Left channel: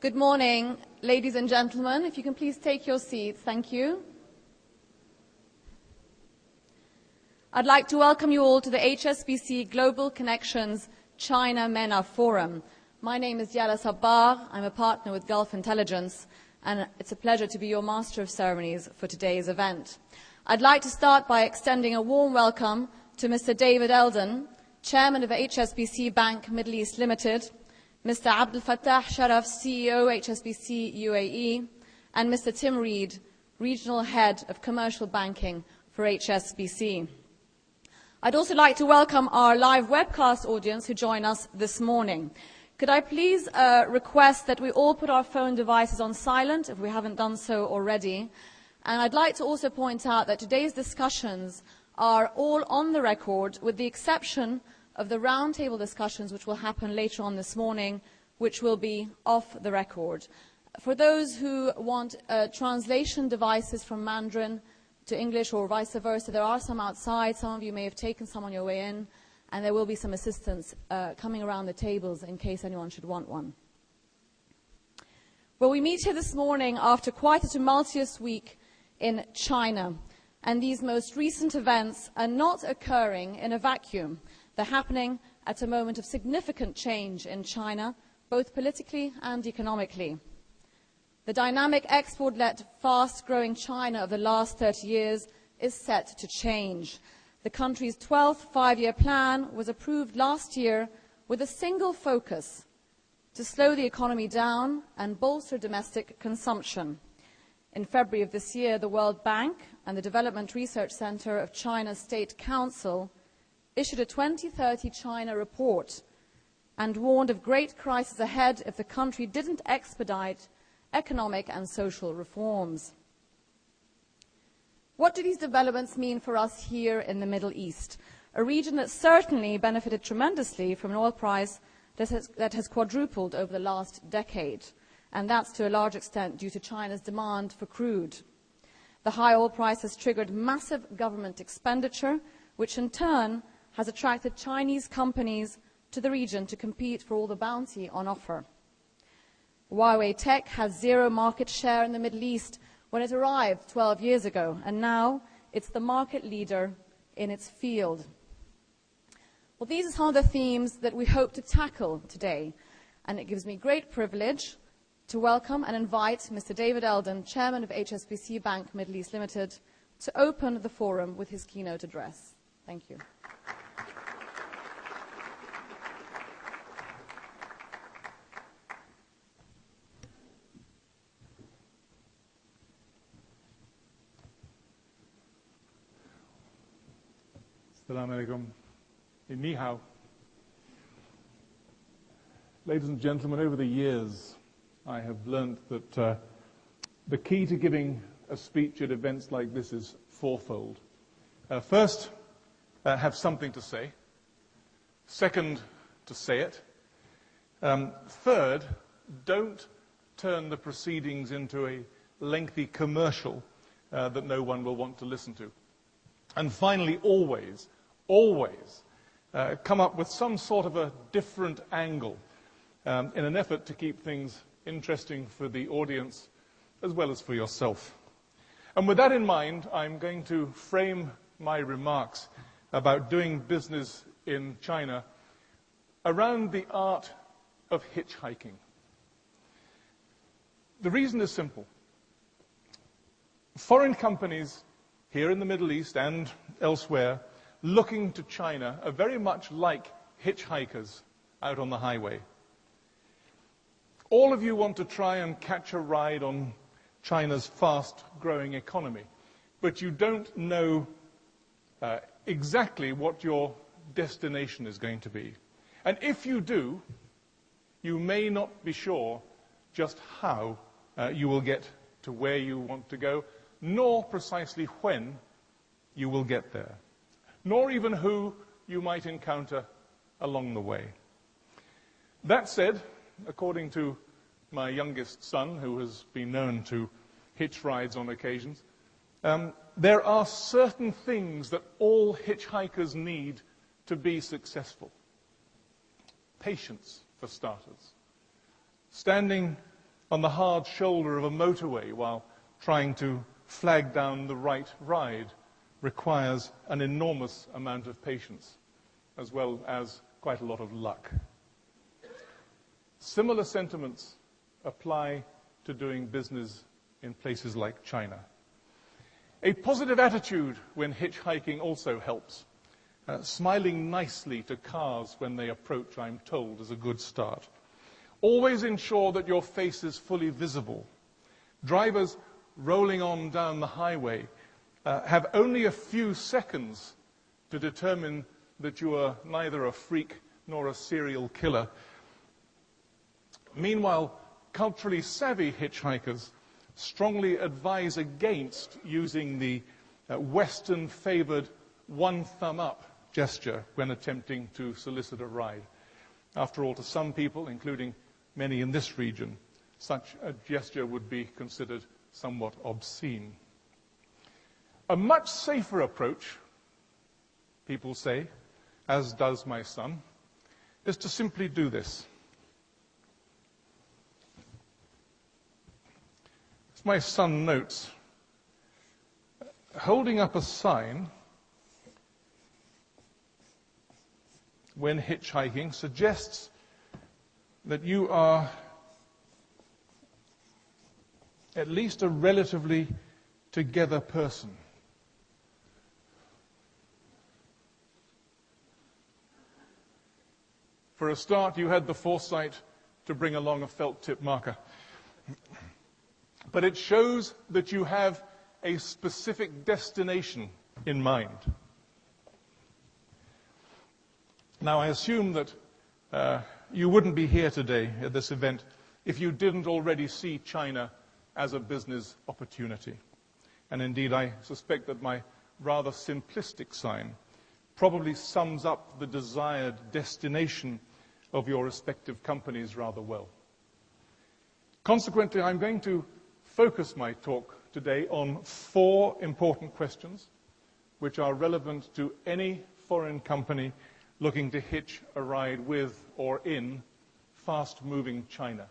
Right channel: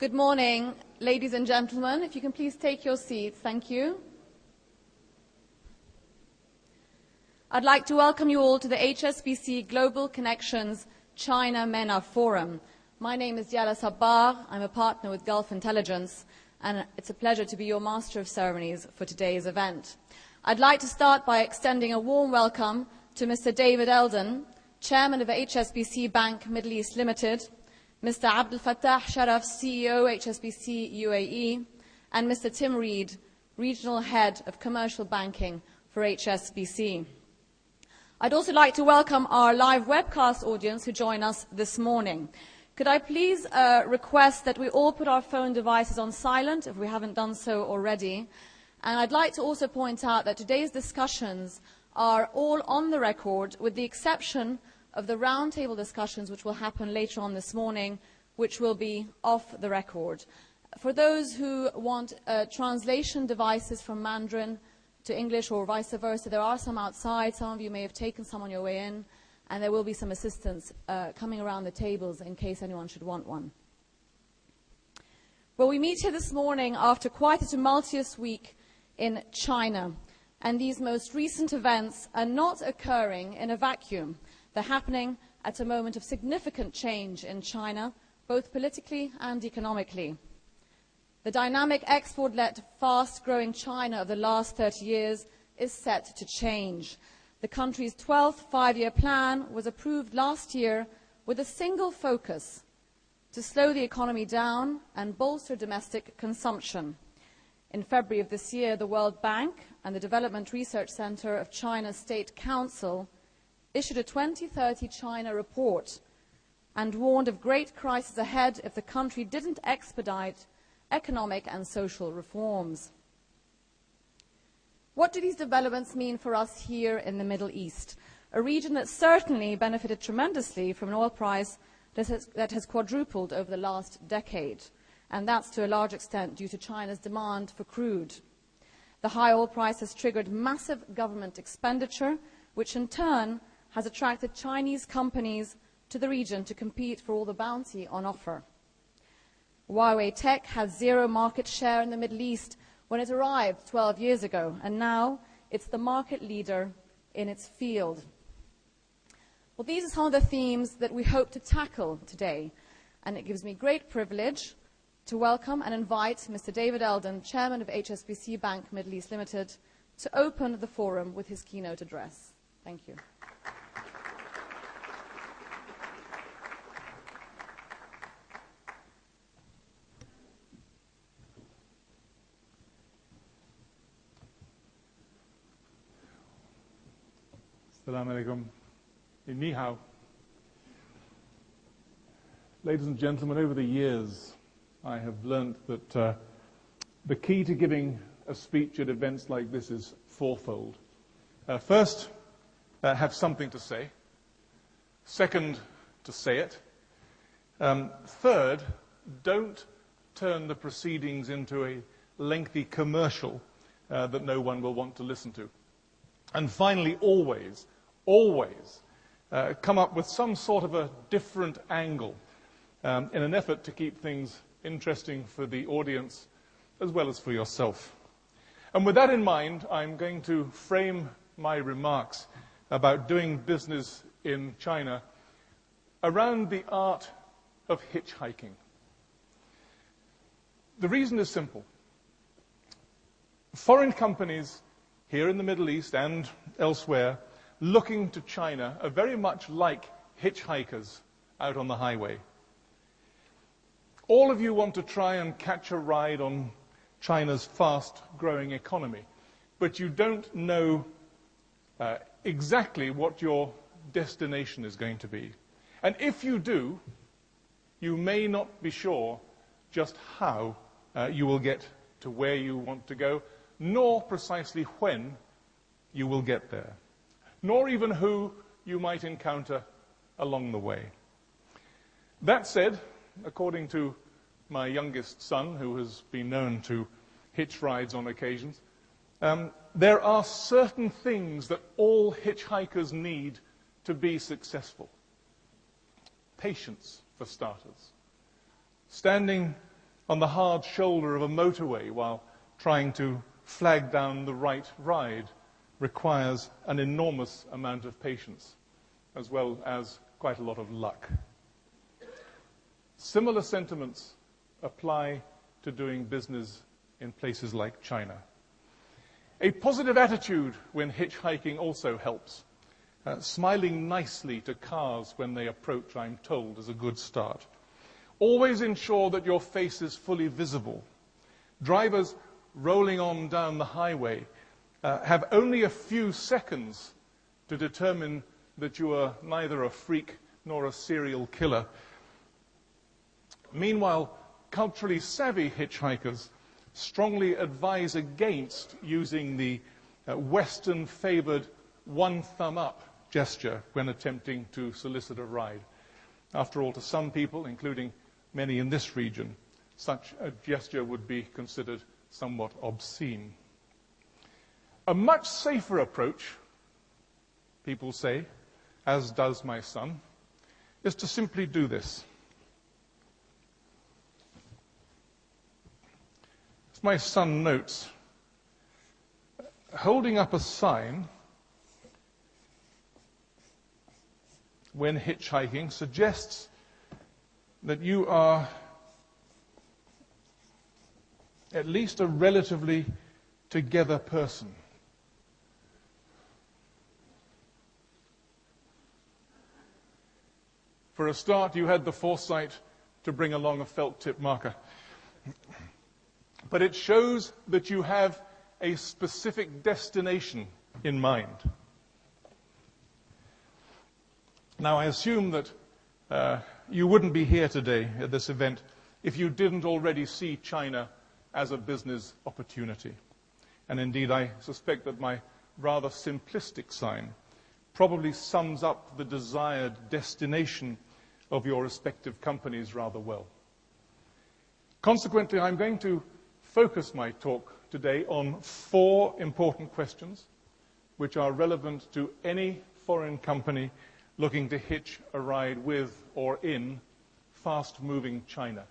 Good morning, ladies and gentlemen. If you can please take your seats. Thank you. I'd like to welcome you all to the HSBC Global Connections China MENA Forum. My name is Yala Sabbar. I'm a partner with Gulf Intelligence, and it's a pleasure to be your Master of Ceremonies for today's event. I'd like to start by extending a warm welcome to Mr. David Eldon, Chairman of HSBC Bank Middle East Limited, Mr. Abdel Fattah Sharaf, CEO, HSBC UAE, and Mr. Tim Reed, Regional Head of Commercial Banking for HSBC. I'd also like to welcome our live webcast audience who join us this morning. Could I please request that we all put our phone devices on silent if we haven't done so already? And I'd like to also point out that today's discussions are all on the record, with the exception of the roundtable discussions which will happen later on this morning, which will be off the record. For those who want translation devices from Mandarin to English or vice versa, there are some outside. Some of you may have taken some on your way in, and there will be some assistance coming around the tables in case anyone should want one. Well, we meet here this morning after quite a tumultuous week in China, and these most recent events are not occurring in a vacuum. They're happening at a moment of significant change in China, both politically and economically. The dynamic export-led, fast-growing China of the last 30 years is set to change. The country's 12th five-year plan was approved last year with a single focus: to slow the economy down and bolster domestic consumption. In February of this year, the World Bank and the Development Research Center of China's State Council issued a 2030 China report and warned of great crisis ahead if the country didn't expedite economic and social reforms. What do these developments mean for us here in the Middle East, a region that certainly benefited tremendously from an oil price that has quadrupled over the last decade, and that's to a large extent due to China's demand for crude. The high oil price has triggered massive government expenditure, which in turn has attracted Chinese companies to the region to compete for all the bounty on offer. Huawei Tech has zero market share in the Middle East when it arrived 12 years ago, and now it's the market leader in its field. Well, these are some of the themes that we hope to tackle today, and it gives me great privilege to welcome and invite Mr. David Eldon, Chairman of HSBC Bank Middle East Limited, to open the forum with his keynote address. Thank you. Assalamu alaikum. Ni hao. Ladies and gentlemen, over the years, I have learned that the key to giving a speech at events like this is fourfold. First, have something to say. Second, to say it. Third, don't turn the proceedings into a lengthy commercial that no one will want to listen to. And finally, always come up with some sort of a different angle in an effort to keep things interesting for the audience as well as for yourself. And with that in mind, I'm going to frame my remarks about doing business in China around the art of hitchhiking. The reason is simple. Foreign companies here in the Middle East and elsewhere looking to China are very much like hitchhikers out on the highway. All of you want to try and catch a ride on China's fast-growing economy, but you don't know exactly what your destination is going to be. And if you do, you may not be sure just how you will get to where you want to go, nor precisely when you will get there, nor even who you might encounter along the way. That said, according to my youngest son, who has been known to hitch rides on occasions, there are certain things that all hitchhikers need to be successful. Patience, for starters. Standing on the hard shoulder of a motorway while trying to flag down the right ride requires an enormous amount of patience, as well as quite a lot of luck. Similar sentiments apply to doing business in places like China. A positive attitude when hitchhiking also helps. Smiling nicely to cars when they approach, I'm told, is a good start. Always ensure that your face is fully visible. Drivers rolling on down the highway have only a few seconds to determine that you are neither a freak nor a serial killer. Meanwhile, culturally savvy hitchhikers strongly advise against using the Western-favored one thumb up gesture when attempting to solicit a ride. After all, to some people, including many in this region, such a gesture would be considered somewhat obscene. A much safer approach, people say, as does my son, is to simply do this. As my son notes, holding up a sign when hitchhiking suggests that you are at least a relatively together person. For a start, you had the foresight to bring along a felt tip marker. But it shows that you have a specific destination in mind. Now, I assume that you wouldn't be here today at this event if you didn't already see China as a business opportunity. And indeed, I suspect that my rather simplistic sign probably sums up the desired destination of your respective companies rather well. Consequently, I'm going to focus my talk today on 4 important questions which are relevant to any foreign company looking to hitch a ride with or in fast-moving China.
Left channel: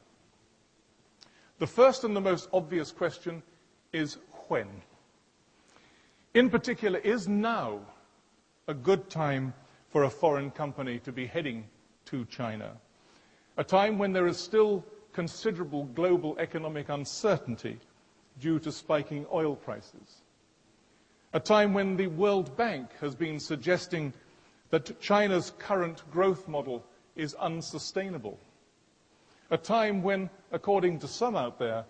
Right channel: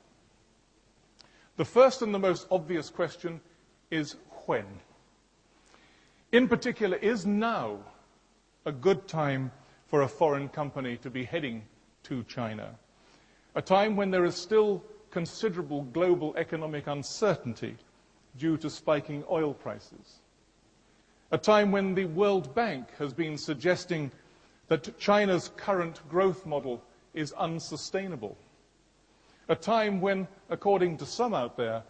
The first and the most obvious question is when. In particular, is now a good time for a foreign company to be heading to China? A time when there is still considerable global economic uncertainty due to spiking oil prices. A time when the World Bank has been suggesting that China's current growth model is unsustainable. A time when, according to some out there,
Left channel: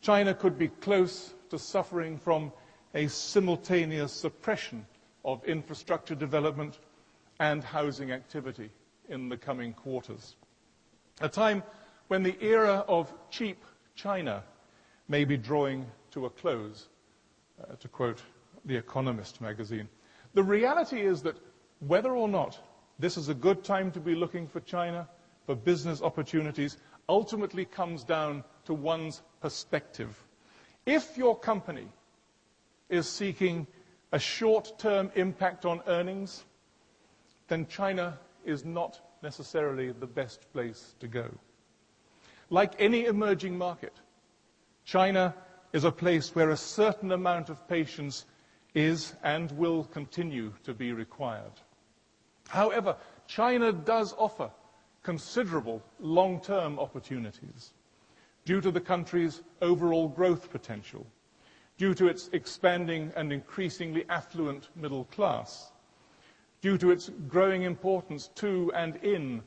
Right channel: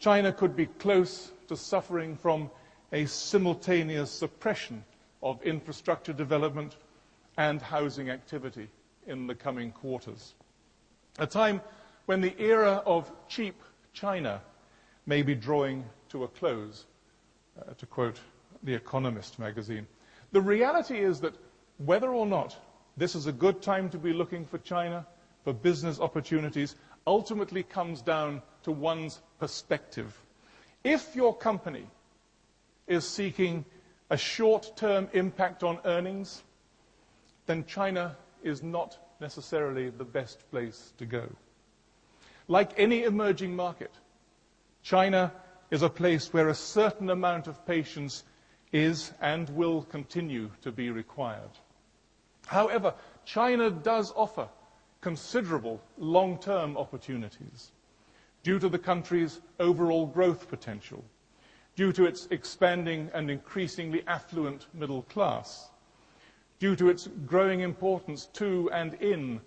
China could be close to suffering from a simultaneous suppression of infrastructure development and housing activity in the coming quarters. A time when the era of cheap China may be drawing to a close, to quote The Economist magazine. The reality is that whether or not this is a good time to be looking for China, for business opportunities, ultimately comes down to one's perspective. If your company is seeking a short-term impact on earnings, then China is not necessarily the best place to go. Like any emerging market, China is a place where a certain amount of patience is and will continue to be required. However, China does offer considerable long-term opportunities due to the country's overall growth potential, due to its expanding and increasingly affluent middle class, due to its growing importance to and in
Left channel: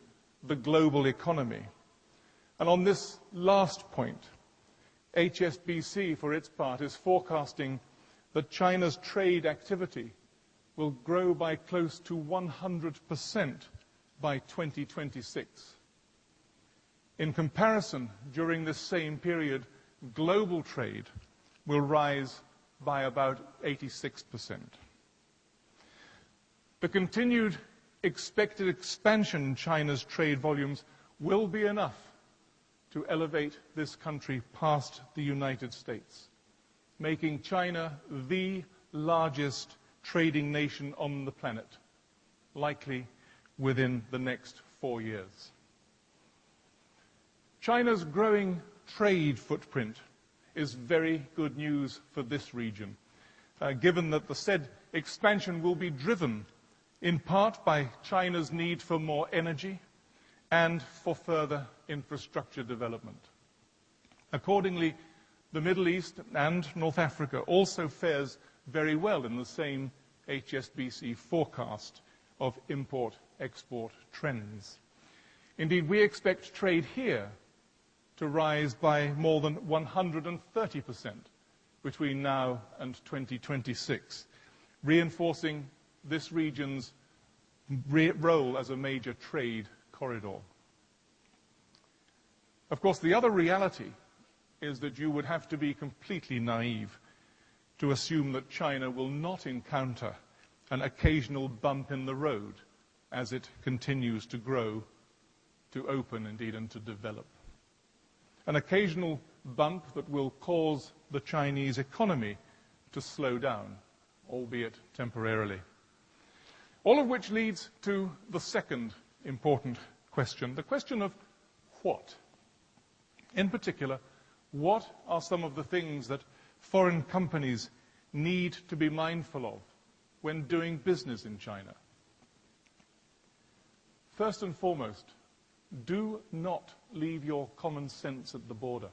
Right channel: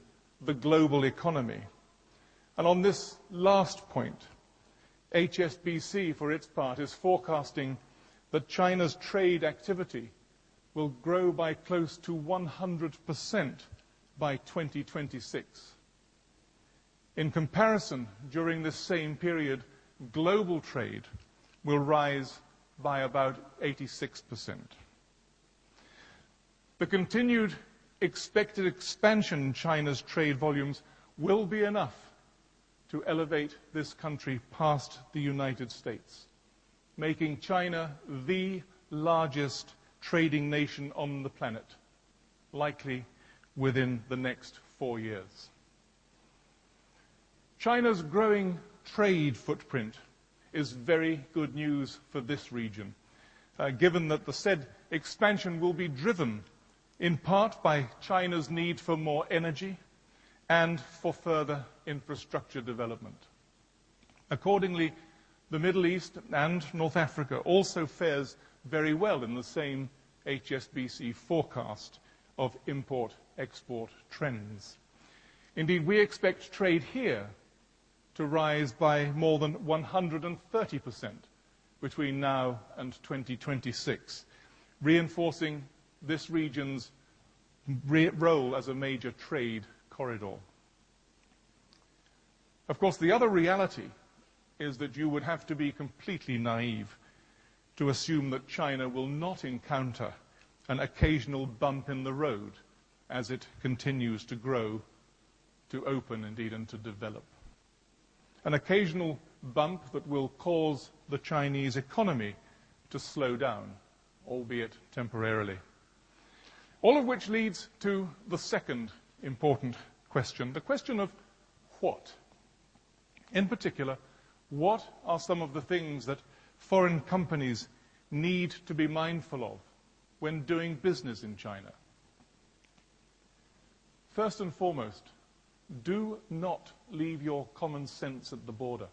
the global economy. And on this last point, HSBC, for its part, is forecasting that China's trade activity will grow by close to 100% by 2026. In comparison, during this same period, global trade will rise by about 86%. The continued expected expansion in China's trade volumes will be enough to elevate this country past the United States, making China the largest trading nation on the planet, likely within the next 4 years. China's growing trade footprint is very good news for this region, given that the said expansion will be driven in part by China's need for more energy and for further infrastructure development. Accordingly, the Middle East and North Africa also fares very well in the same HSBC forecast of import-export trends. Indeed, we expect trade here to rise by more than 130% between now and 2026, reinforcing this region's role as a major trade corridor. Of course, the other reality is that you would have to be completely naive to assume that China will not encounter an occasional bump in the road as it continues to grow, to open indeed, and to develop. An occasional bump that will cause the Chinese economy to slow down, albeit temporarily. All of which leads to the second important question, the question of what? In particular, what are some of the things that foreign companies need to be mindful of when doing business in China? First and foremost, do not leave your common sense at the border.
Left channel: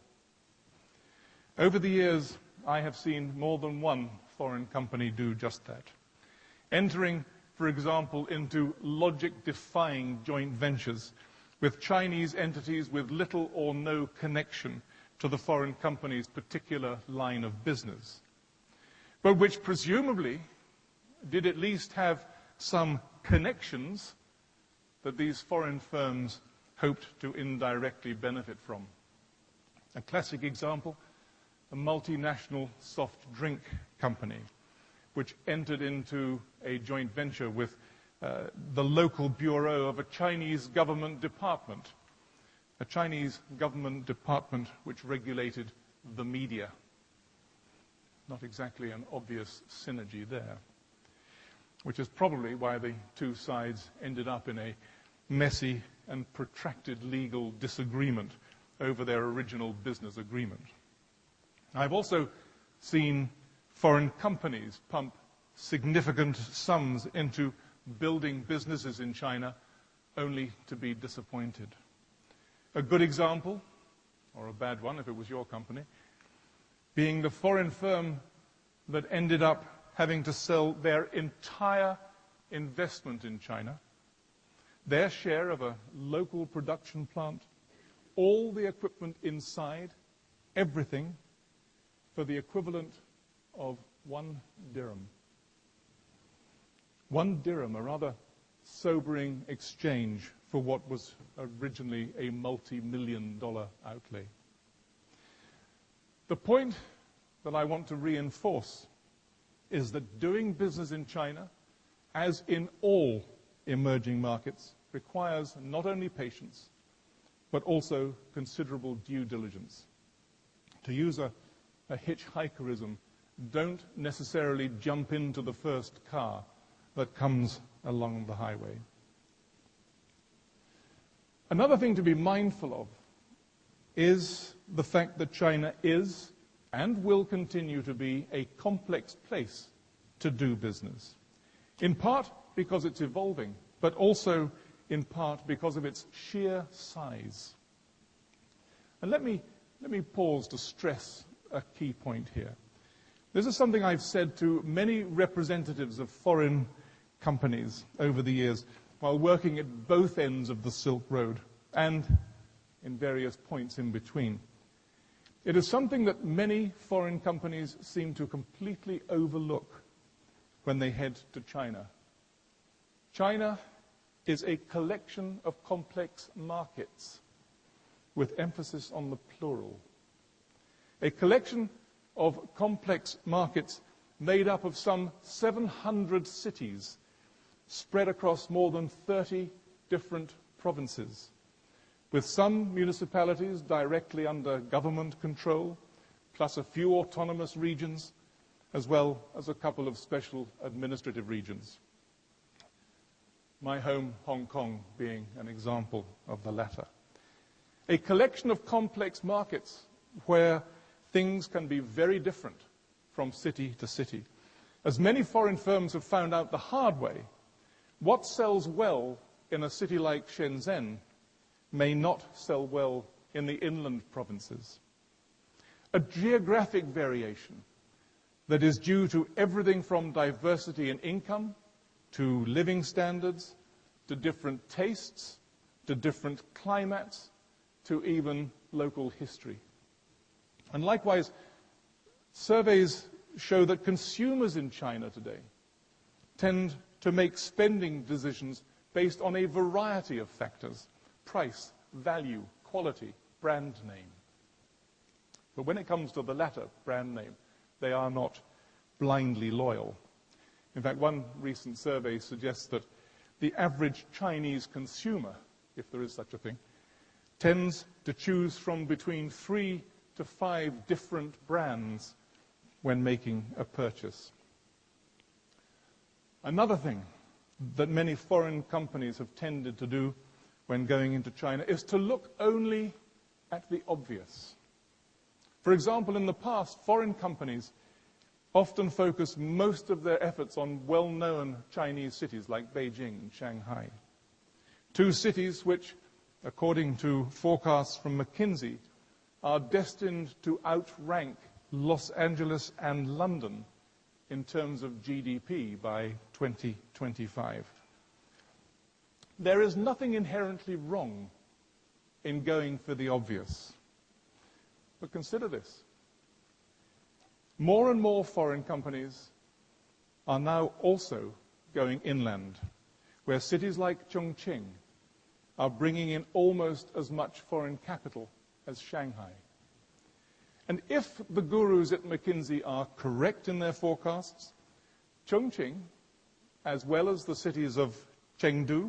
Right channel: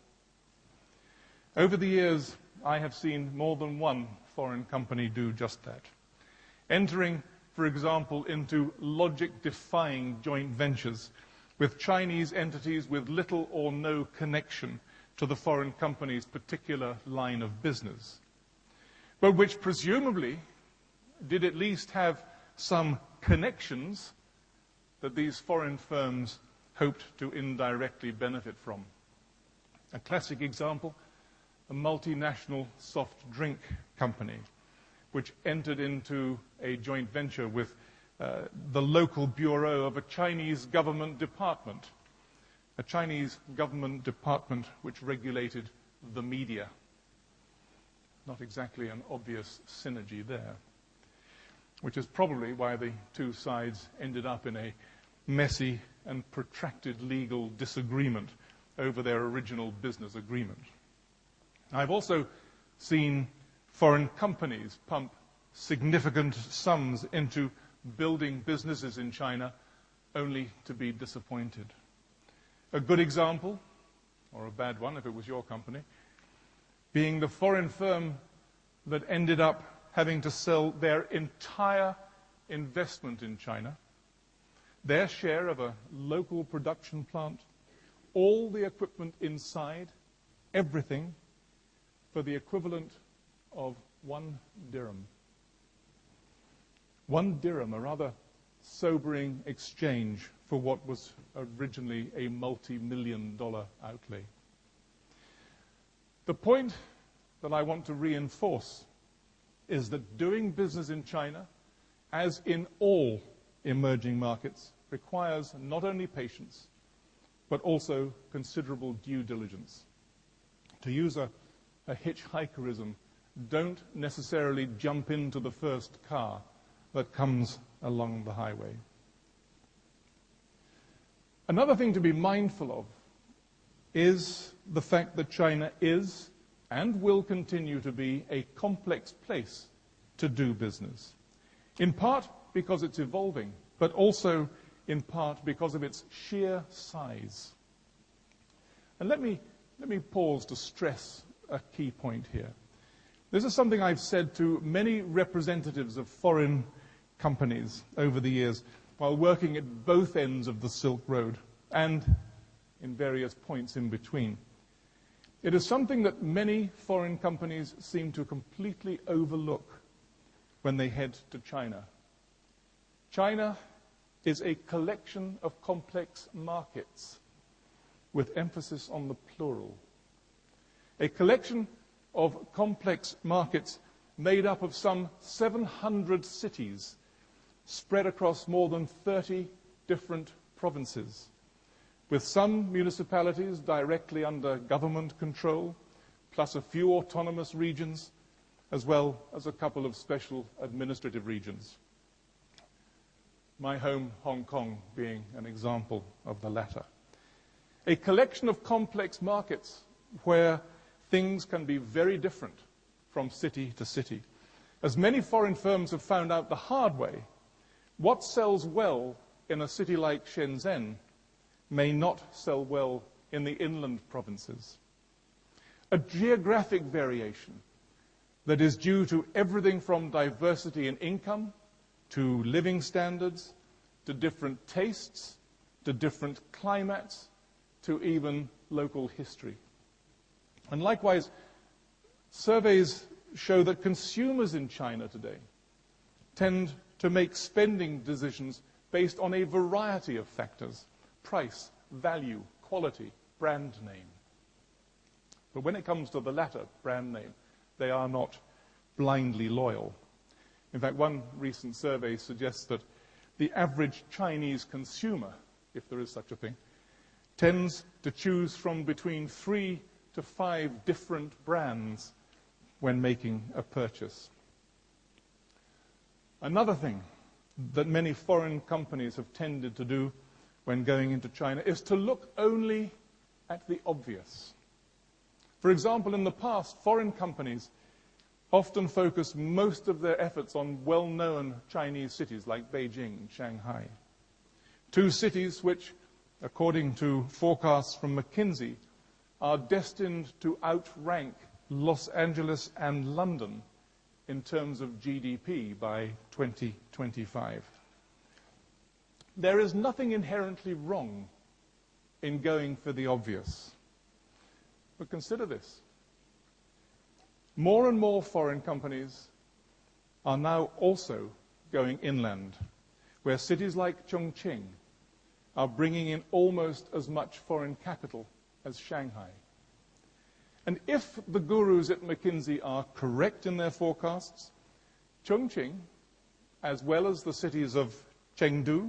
Over the years, I have seen more than one foreign company do just that. Entering, for example, into logic-defying joint ventures with Chinese entities with little or no connection to the foreign company's particular line of business, but which presumably did at least have some connections that these foreign firms hoped to indirectly benefit from. A classic example, a multinational soft drink company which entered into a joint venture with the local bureau of a Chinese government department, which regulated the media. Not exactly an obvious synergy there, which is probably why the two sides ended up in a messy and protracted legal disagreement over their original business agreement. I've also seen foreign companies pump significant sums into building businesses in China only to be disappointed. A good example, or a bad one if it was your company, being the foreign firm that ended up having to sell their entire investment in China, their share of a local production plant, all the equipment inside, everything, for the equivalent of 1 dirham. 1 dirham, a rather sobering exchange for what was originally a multi-million-dollar outlay. The point that I want to reinforce is that doing business in China, as in all emerging markets, requires not only patience, but also considerable due diligence. To use a hitchhikerism, don't necessarily jump into the first car that comes along the highway. Another thing to be mindful of is the fact that China is and will continue to be a complex place to do business, in part because it's evolving, but also in part because of its sheer size. And let me pause to stress a key point here. This is something I've said to many representatives of foreign companies over the years while working at both ends of the Silk Road and in various points in between. It is something that many foreign companies seem to completely overlook when they head to China. China is a collection of complex markets, with emphasis on the plural. A collection of complex markets made up of some 700 cities spread across more than 30 different provinces, with some municipalities directly under government control, plus a few autonomous regions, as well as a couple of special administrative regions. My home, Hong Kong, being an example of the latter. a collection of complex markets where things can be very different from city to city. As many foreign firms have found out the hard way, what sells well in a city like Shenzhen may not sell well in the inland provinces. A geographic variation that is due to everything from diversity in income, to living standards, to different tastes, to different climates, to even local history. And likewise, surveys show that consumers in China today tend to make spending decisions based on a variety of factors: price, value, quality, brand name. But when it comes to the latter, brand name, they are not blindly loyal. In fact, one recent survey suggests that the average Chinese consumer, if there is such a thing, tends to choose from between 3 to 5 different brands when making a purchase. Another thing that many foreign companies have tended to do when going into China is to look only at the obvious. For example, in the past, foreign companies often focus most of their efforts on well-known Chinese cities like Beijing and Shanghai. Two cities which, according to forecasts from McKinsey, are destined to outrank Los Angeles and London in terms of GDP by 2025. There is nothing inherently wrong in going for the obvious. But consider this. More and more foreign companies are now also going inland, where cities like Chongqing are bringing in almost as much foreign capital as Shanghai. And if the gurus at McKinsey are correct in their forecasts, Chongqing, as well as the cities of Chengdu,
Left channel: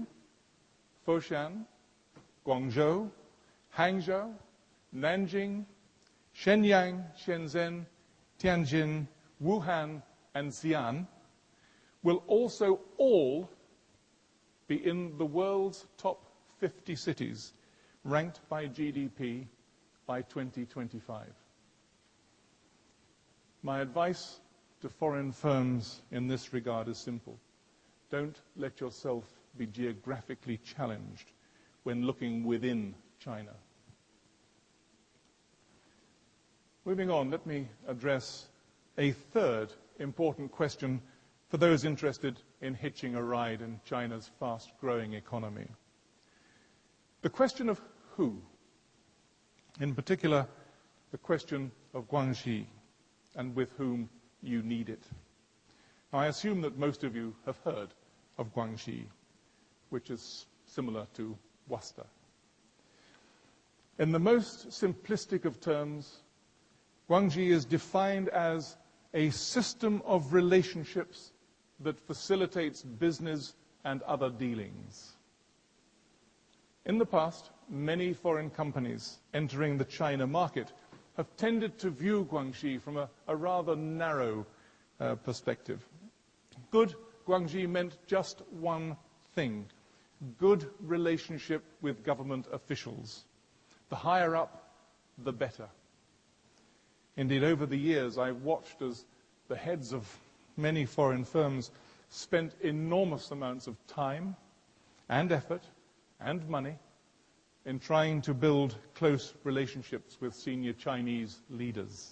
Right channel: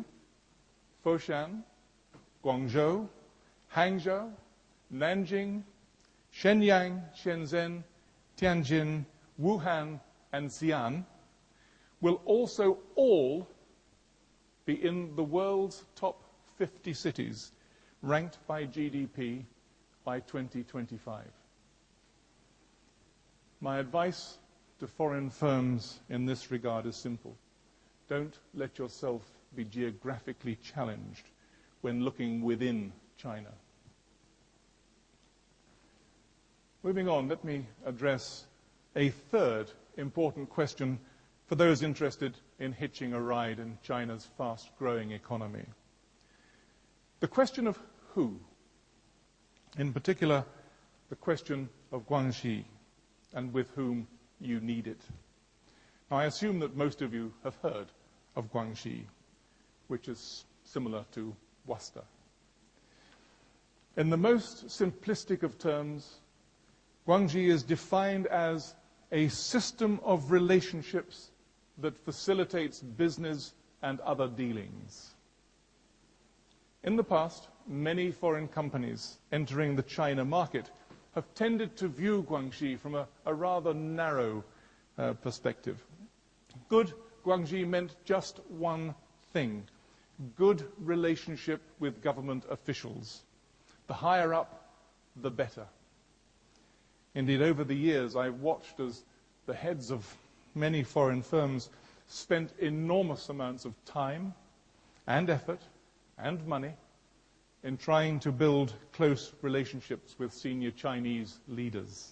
Foshan, Guangzhou, Hangzhou, Nanjing, Shenyang, Shenzhen, Tianjin, Wuhan, and Xi'an will also all be in the world's top 50 cities, ranked by GDP by 2025. My advice to foreign firms in this regard is simple. Don't let yourself be geographically challenged when looking within China. Moving on, let me address a third important question for those interested in hitching a ride in China's fast-growing economy. The question of who, in particular, the question of Guanxi, and with whom you need it. Now, I assume that most of you have heard of Guanxi, which is similar to Worcester. In the most simplistic of terms, Guanxi is defined as a system of relationships that facilitates business and other dealings. In the past, many foreign companies entering the China market have tended to view Guanxi from a rather narrow perspective. Good Guanxi meant just one thing: good relationship with government officials. The higher up, the better. Indeed, over the years, I've watched as the heads of many foreign firms spent enormous amounts of time and effort and money in trying to build close relationships with senior Chinese leaders,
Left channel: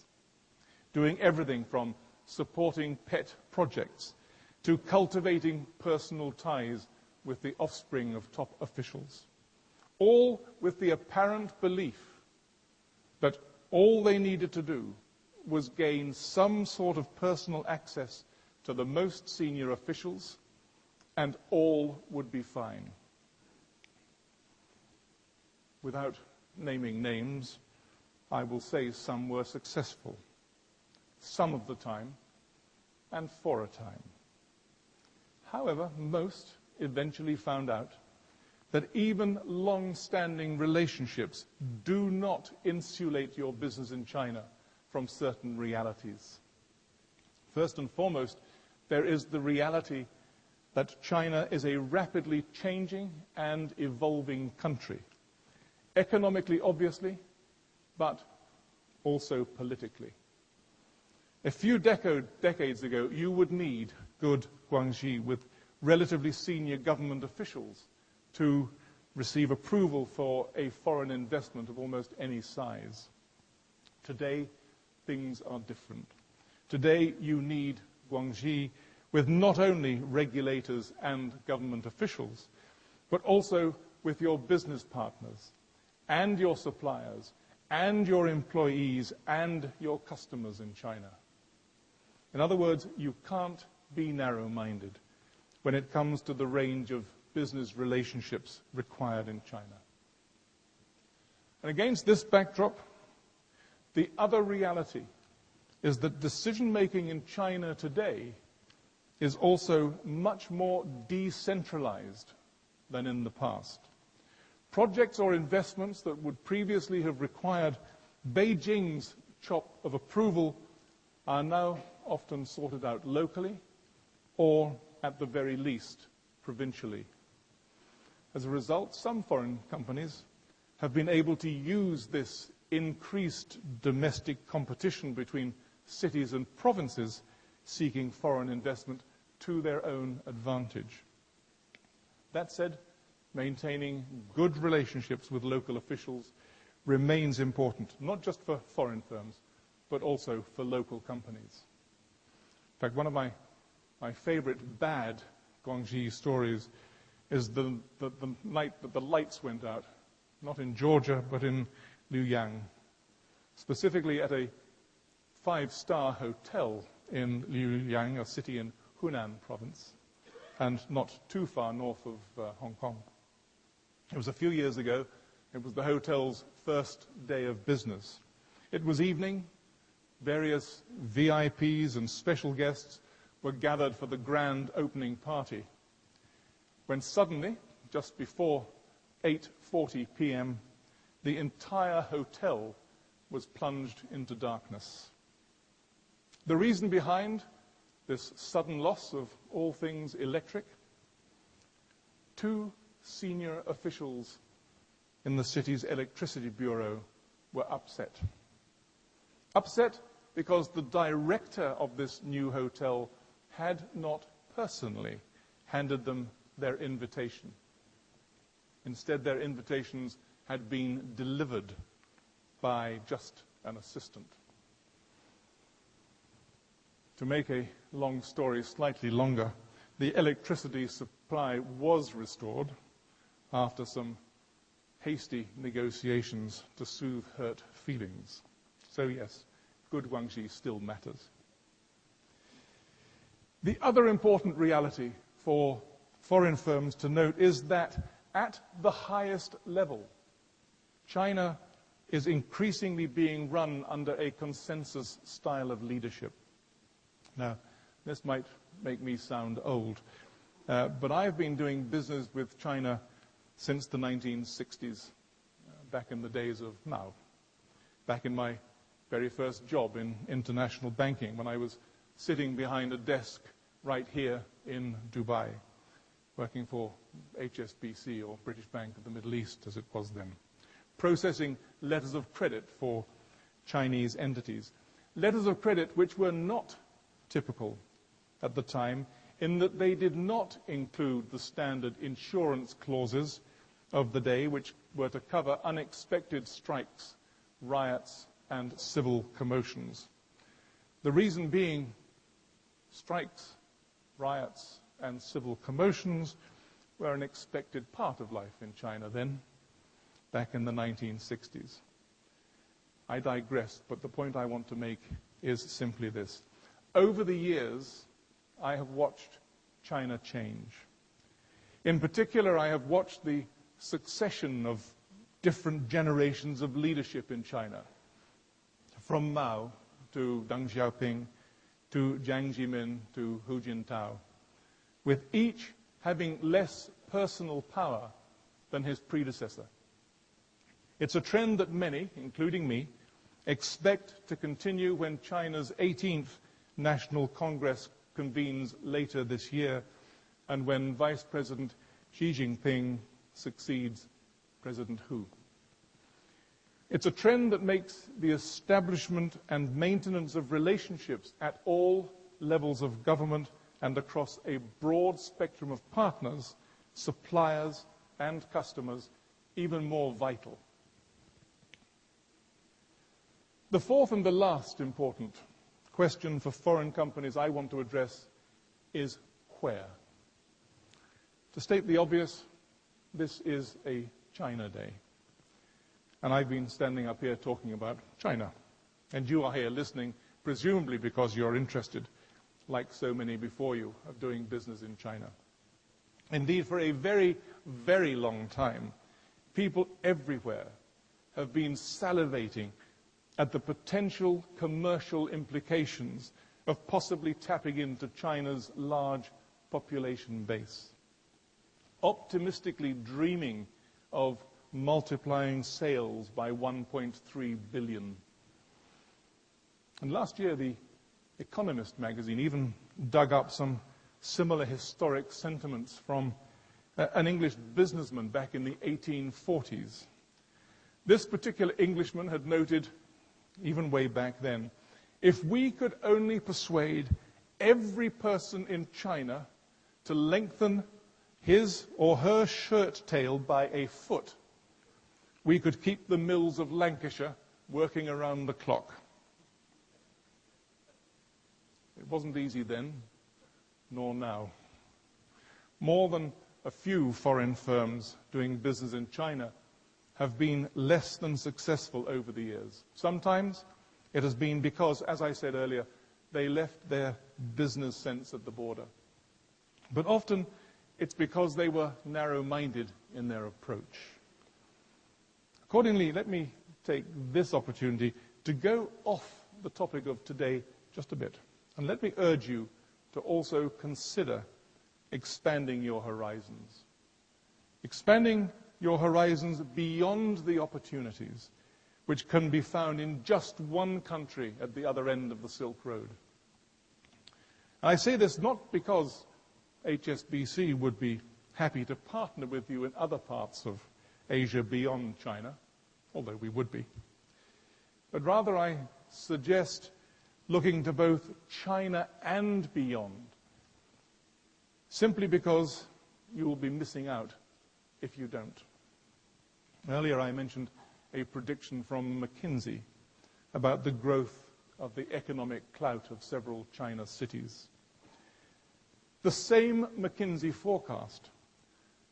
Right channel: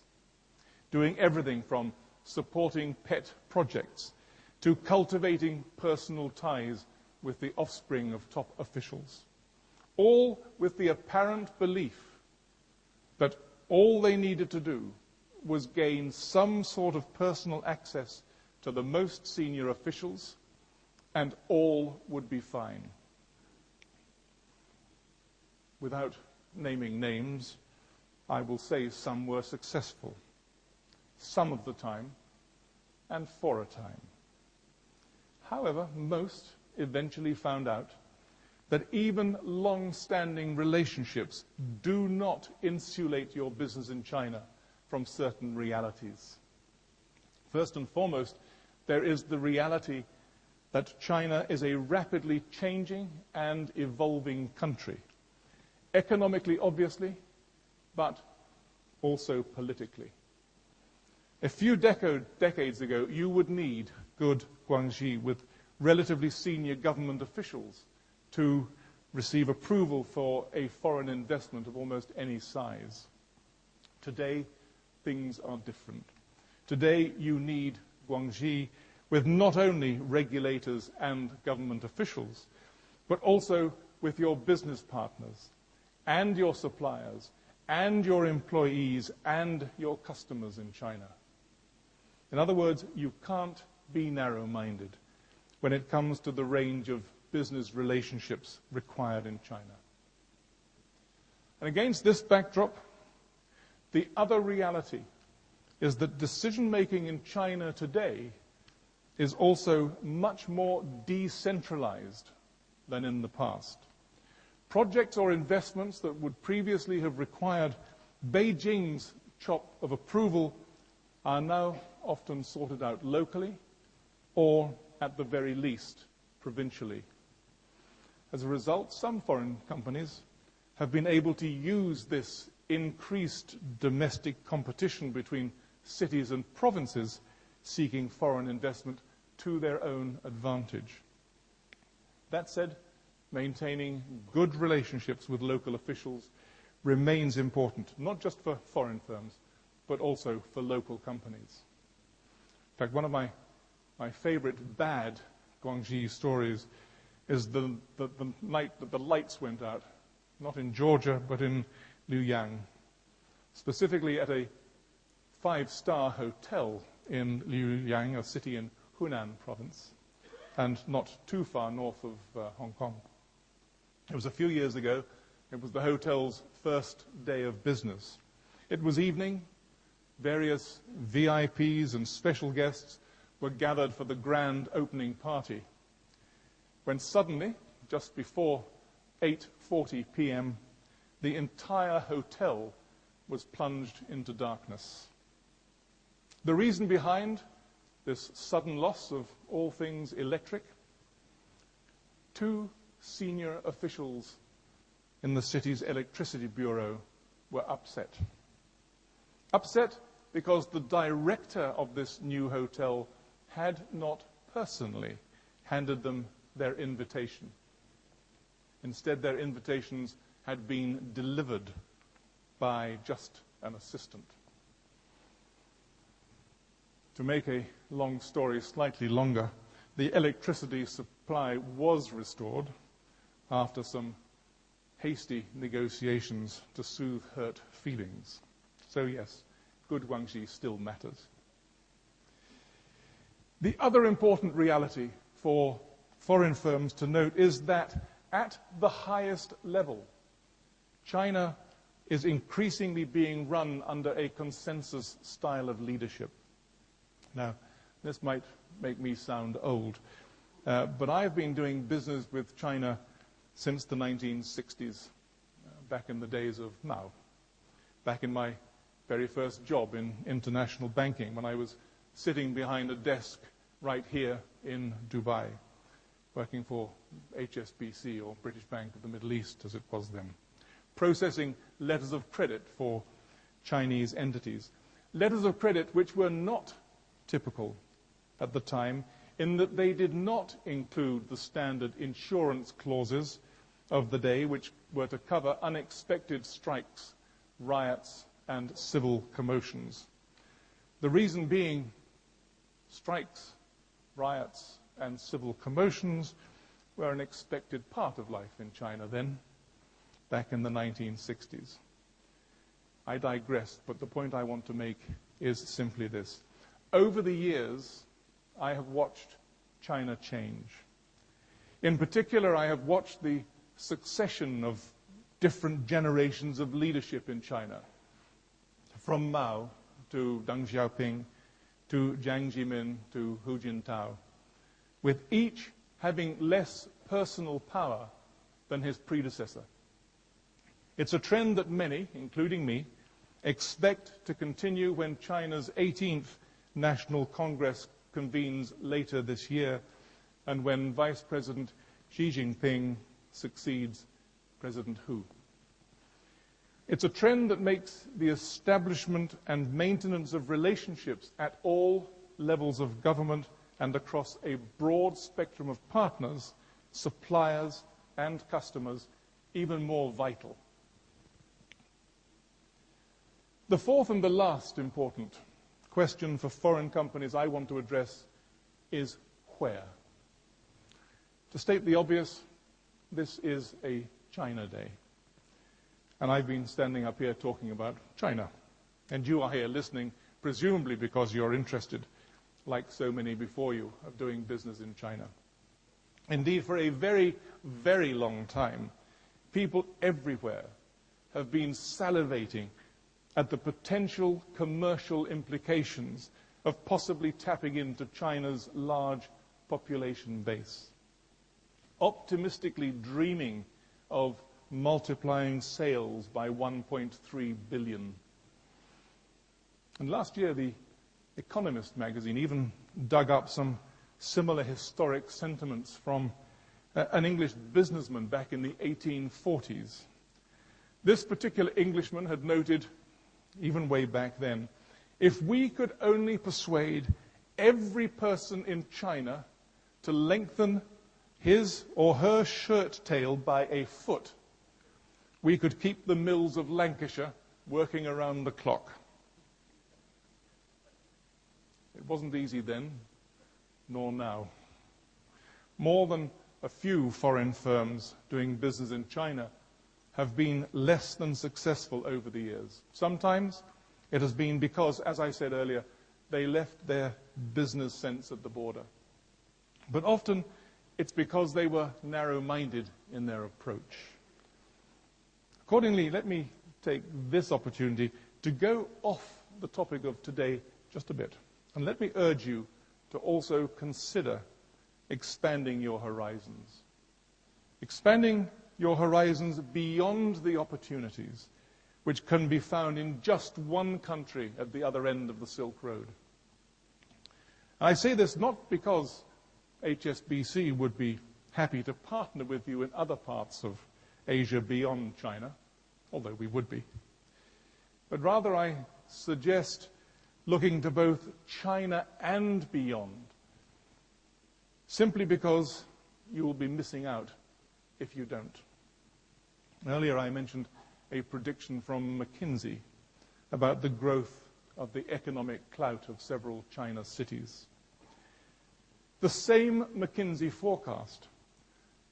doing everything from supporting pet projects to cultivating personal ties with the offspring of top officials, all with the apparent belief that all they needed to do was gain some sort of personal access to the most senior officials, and all would be fine. Without naming names, I will say some were successful, some of the time, and for a time. However, most eventually found out that even long-standing relationships do not insulate your business in China from certain realities. First and foremost, there is the reality that China is a rapidly changing and evolving country, economically, obviously, but also politically. A few decades ago, you would need good Guanxi with relatively senior government officials to receive approval for a foreign investment of almost any size. Today, things are different. Today, you need Guanxi with not only regulators and government officials, but also with your business partners and your suppliers and your employees and your customers in China. In other words, you can't be narrow-minded when it comes to the range of business relationships required in China. And against this backdrop, the other reality is that decision-making in China today is also much more decentralized than in the past. Projects or investments that would previously have required Beijing's chop of approval are now often sorted out locally or, at the very least, provincially. As a result, some foreign companies have been able to use this increased domestic competition between cities and provinces seeking foreign investment to their own advantage. That said, maintaining good relationships with local officials remains important, not just for foreign firms, but also for local companies. In fact, one of my favorite bad Guanxi stories is the night that the lights went out, not in Georgia, but in Luoyang, specifically at a 5-star hotel in Luoyang, a city in Hunan province, and not too far north of Hong Kong. It was a few years ago. It was the hotel's first day of business. It was evening. Various VIPs and special guests were gathered for the grand opening party, when suddenly, just before 8:40 p.m., the entire hotel was plunged into darkness. The reason behind this sudden loss of all things electric: 2 senior officials in the city's electricity bureau were upset. Upset because the director of this new hotel had not personally handed them their invitation. Instead, their invitations had been delivered by just an assistant. To make a long story slightly longer, the electricity supply was restored after some hasty negotiations to soothe hurt feelings. So yes, good Guanxi still matters. The other important reality for foreign firms to note is that at the highest level, China is increasingly being run under a consensus style of leadership. Now, this might make me sound old, but I've been doing business with China since the 1960s, back in the days of Mao, back in my very first job in international banking, when I was sitting behind a desk right here in Dubai, working for HSBC, or British Bank of the Middle East as it was then, processing letters of credit for Chinese entities. Letters of credit which were not typical at the time, in that they did not include the standard insurance clauses of the day, which were to cover unexpected strikes, riots, and civil commotions. The reason being, strikes, riots, and civil commotions were an expected part of life in China then, back in the 1960s. I digress, but the point I want to make is simply this. Over the years, I have watched China change. In particular, I have watched the succession of different generations of leadership in China, from Mao to Deng Xiaoping to Jiang Zemin to Hu Jintao, with each having less personal power than his predecessor. It's a trend that many, including me, expect to continue when China's 18th National Congress convenes later this year, and when Vice President Xi Jinping succeeds President Hu. It's a trend that makes the establishment and maintenance of relationships at all levels of government and across a broad spectrum of partners, suppliers, and customers even more vital. The fourth and the last important question for foreign companies I want to address is where. To state the obvious, this is a China Day. And I've been standing up here talking about China. And you are here listening, presumably because you're interested, like so many before you, of doing business in China. Indeed, for a very, very long time, people everywhere have been salivating at the potential commercial implications of possibly tapping into China's large population base, optimistically dreaming of multiplying sales by 1.3 billion. And last year, the Economist magazine even dug up some similar historic sentiments from an English businessman back in the 1840s. This particular Englishman had noted, even way back then, if we could only persuade every person in China to lengthen his or her shirt tail by a foot, we could keep the mills of Lancashire working around the clock. It wasn't easy then, nor now. More than a few foreign firms doing business in China have been less than successful over the years. Sometimes it has been because, as I said earlier, they left their business sense at the border. But often it's because they were narrow-minded in their approach. Accordingly, let me take this opportunity to go off the topic of today just a bit. And let me urge you to also consider expanding your horizons. Expanding your horizons beyond the opportunities which can be found in just one country at the other end of the Silk Road. I say this not because HSBC would be happy to partner with you in other parts of Asia beyond China, although we would be, but rather I suggest looking to both China and beyond, simply because you will be missing out if you don't. Earlier I mentioned a prediction from McKinsey about the growth of the economic clout of several China cities. The same McKinsey forecast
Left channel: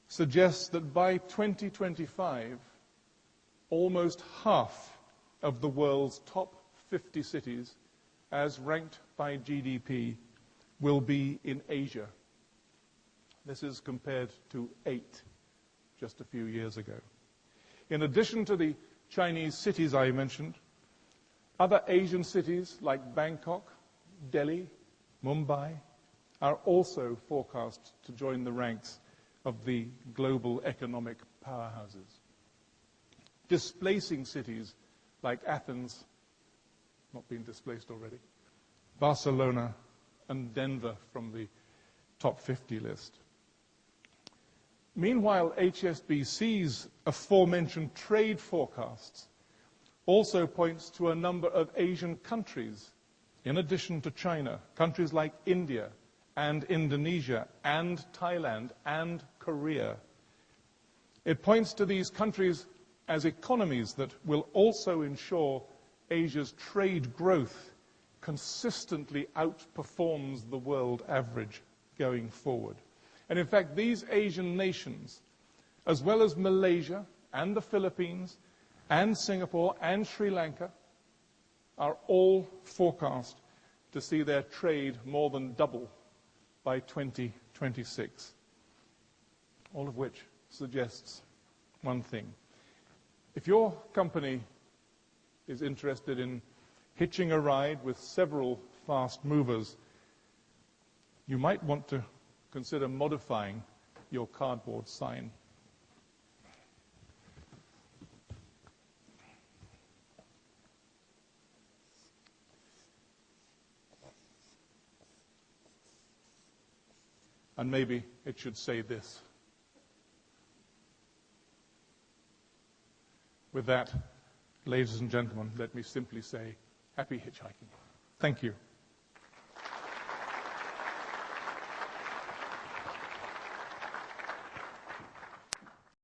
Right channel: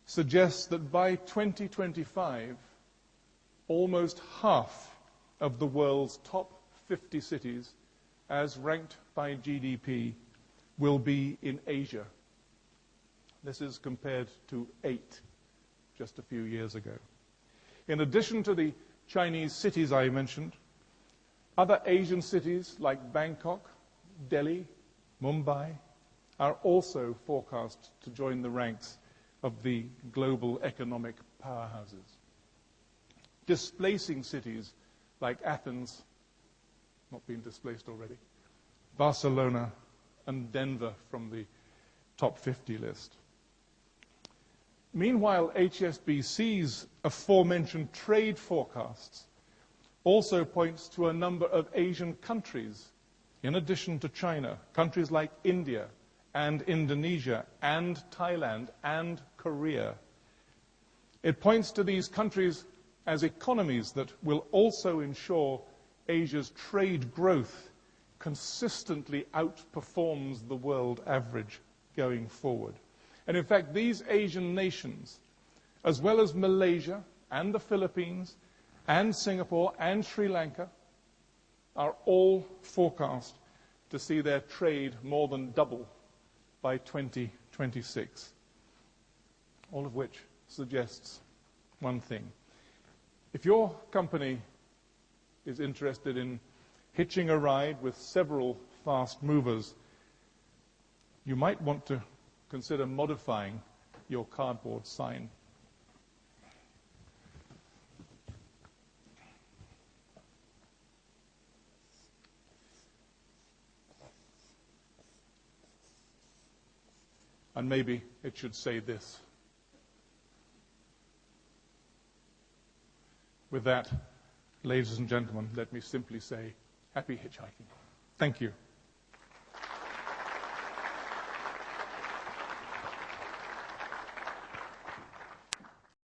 suggests that by 2025, almost half of the world's top 50 cities, as ranked by GDP, will be in Asia. This is compared to 8 just a few years ago. In addition to the Chinese cities I mentioned, other Asian cities like Bangkok, Delhi, Mumbai are also forecast to join the ranks of the global economic powerhouses, displacing cities like Athens, not being displaced already, Barcelona, and Denver from the top 50 list. Meanwhile, HSBC's aforementioned trade forecasts also points to a number of Asian countries, in addition to China, countries like India and Indonesia and Thailand and Korea. It points to these countries as economies that will also ensure Asia's trade growth consistently outperforms the world average going forward. And in fact, these Asian nations, as well as Malaysia and the Philippines and Singapore and Sri Lanka, are all forecast to see their trade more than double by 2026. All of which suggests one thing. If your company is interested in hitching a ride with several fast movers, you might want to consider modifying your cardboard sign. And maybe it should say this. With that, ladies and gentlemen, let me simply say, happy hitchhiking. Thank you.